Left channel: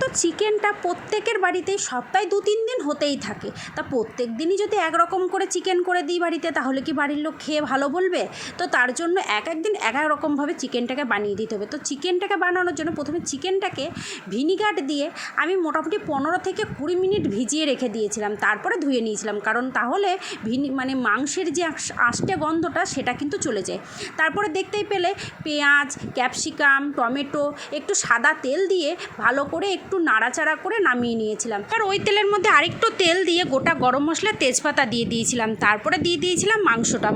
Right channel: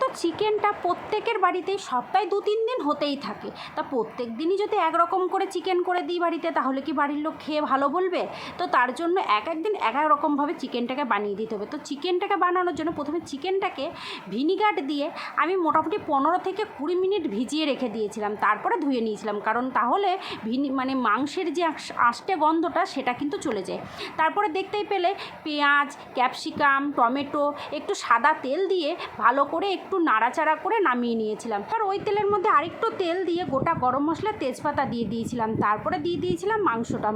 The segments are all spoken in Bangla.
তো চিকেনটা প্রত্যেকের বাড়িতেই সপ্তাহে 2-3 দিন হতেই থাকে। তা প্রত্যেক দিনই যদি একরকম করে চিকেন করে দিই বাড়িতে, তাহলে কি বাড়ির লোক খেয়ে ভালো বলবে? তো তার জন্য এক দিন এক এক রকমভাবে চিকেনটাকে বানিয়ে দিতে হবে। তো চিকেনটাকে বানানোর জন্য প্রথমে চিকেনটাকে ভিনিগার দিয়ে আমি মোটামুটি 15 থেকে 20 মিনিট ভিজিয়ে রেখে দিয়েছিলাম, তারপরে ধুয়ে নিয়েছিলাম, কারণ তাহলে মাংসের যে আষ্টে গন্ধটা সেটা কিন্তু চলে যায়। তারপরে দেখতেই পেলে পেঁয়াজ, ক্যাপসিকাম, টমেটো, একটু সাদা তেল দিয়ে ভালো করে একটু নাড়াচাড়া করে নামিয়ে নিয়েছিলাম। আর ওই তেলের মধ্যে আরেকটু তেল দিয়ে গোটা গরম মশলা, তেজপাতা দিয়ে দিয়েছিলাম। তারপরে দিয়ে দিয়েছিলাম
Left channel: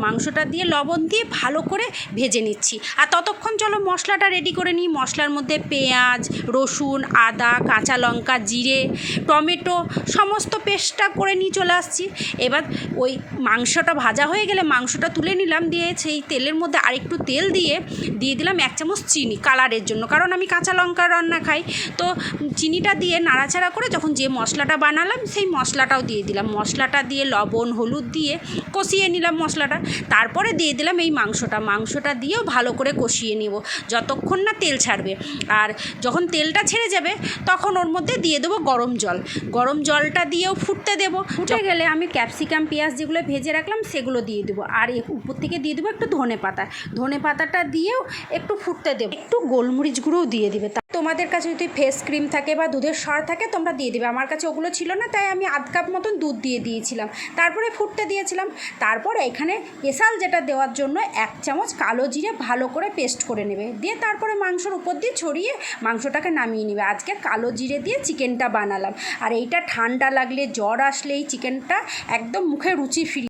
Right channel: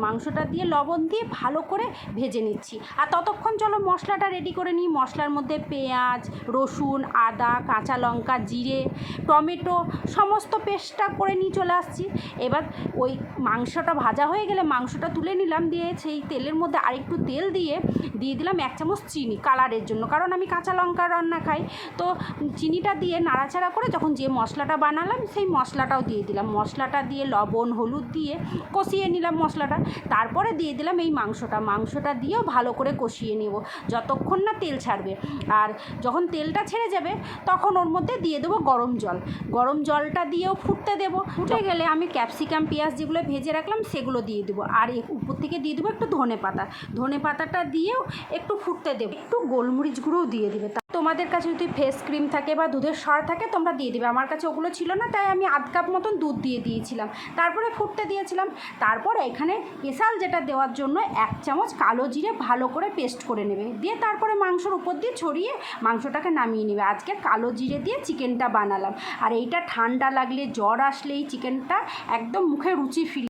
মাংসটা দিয়ে লবণ দিয়ে ভালো করে ভেজে নিচ্ছি। আর ততক্ষণ চলো মশলাটা রেডি করে নিই। মশলার মধ্যে পেঁয়াজ, রসুন, আদা, কাঁচা লঙ্কা, জিরে, টমেটো সমস্ত পেস্টটা করে নিয়ে চলে আসছি। এবার ওই মাংসটা ভাজা হয়ে গেলে মাংসটা তুলে নিলাম, দিয়ে সেই তেলের মধ্যে আরেকটু তেল দিয়ে দিলাম 1 চামচ চিনি কালারের জন্য, কারণ আমি কাঁচা লঙ্কা রান্না খাই। তো চিনিটা দিয়ে নাড়াচাড়া করে যখন যে মশলাটা বানালাম সেই মশলাটাও দিয়ে দিলাম। মশলাটা দিয়ে লবণ, হলুদ দিয়ে কষিয়ে নিলাম মশলাটা। তারপরে দিয়ে দিলাম এই মাংসটা দিয়েও ভালো করে কষিয়ে নেব যতক্ষণ না তেল ছাড়বে। আর যখন তেলটা ছেড়ে যাবে তখন ওর মধ্যে দিয়ে দেবো গরম জলটা দিয়েও ফুটতে দেবো। ফুটে গেলে আমি ক্যাপসিকাম, পেঁয়াজ যেগুলো ভেজে রাখলাম সেগুলো দিয়ে দেবো। আর উপর থেকে দিয়ে দেবো একটু ধনে পাতাটা দিয়েও একটু ফুটতে দেবো। একটু গোলমরিচ গুঁড়োও দিয়ে দেবে। তোমাদের কাছে যদি ফেস ক্রিম থাকে বা দুধের সর থাকে তোমরা দিয়ে দেবে। আমার কাছে ওগুলো ছিল না, তাই আমি আধ কাপ মতন দুধ দিয়ে দিয়েছিলাম। তারপরে ফুটতে দিয়েছিলাম। তারপর এখানে স্পেশাল যেটা দেওয়ার জন্য 1 চামচ কালো জিরে ভালো করে পেস্ট করে নেবে, দিয়ে তারপরে মাংসর উপর দিয়ে ছড়িয়ে মাংসটাকে নামিয়ে নেবে। আজকে কালো জিরে দিয়ে চিকেনটা বানালাম। আর এইটা ঠান্ডা লাগলে, জ্বর আসলে এই চিকেনটা একদম মুখে রুচি ফিরিয়ে